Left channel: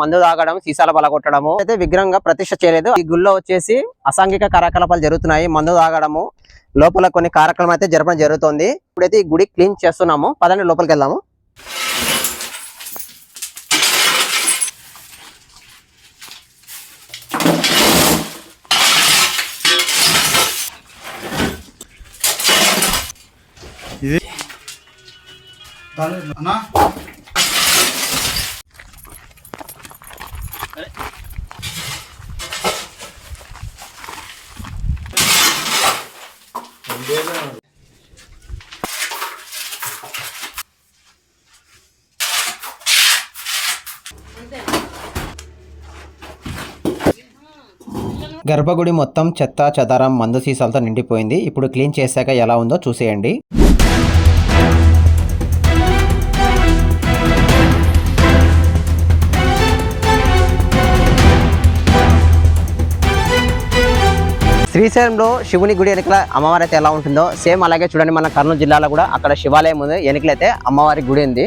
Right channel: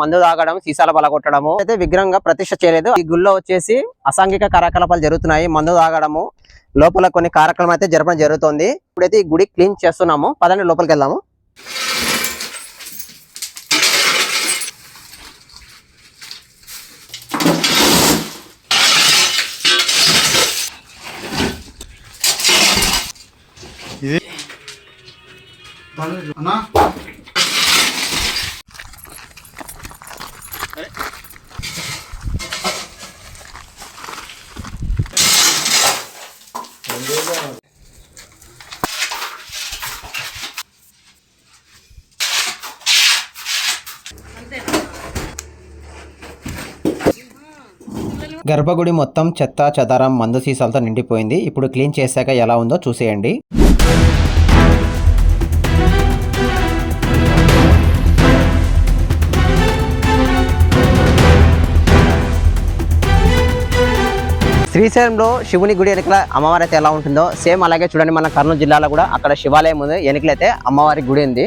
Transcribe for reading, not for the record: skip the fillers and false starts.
మందు తాగడం, సీసాల పలగొట్టడము అయితే విగ్రహంగా ప్రతిష్ఠ చేయలేదు. ఈ గుళ్ళో వచ్చేసి అసాంఘిక కార్యకలాపాలు జరుగుతున్నాయి. మందు తాగడము, లోపల కొన్ని కార్యక్రమాలు అయితే జరపడం జరుగుతుంది. ఇప్పుడైతే ఈ గుడి క్లీన్ చేస్తున్నాము. పదండి లోపలికి వెళ్దాము. గర్భగుడి మొత్తం చెత్త చెదారం మందు సీసాలతో నిండిపోయింది. ఇప్పుడు క్లీన్ చేశాక ఎలా ఉందో చూసేయండి. శ్రీశైలంలో శివుని గుడి వెనుకల అమ్మవారి అయితే ఎలా ఉంటుందో సేమ్ అలాగే చూడండి. మన కర్నూలు జిల్లాలో కూడా అక్కడ శివాలయం ఉంది, వెనుకలైతే అమ్మవారి గుడి ఉంది.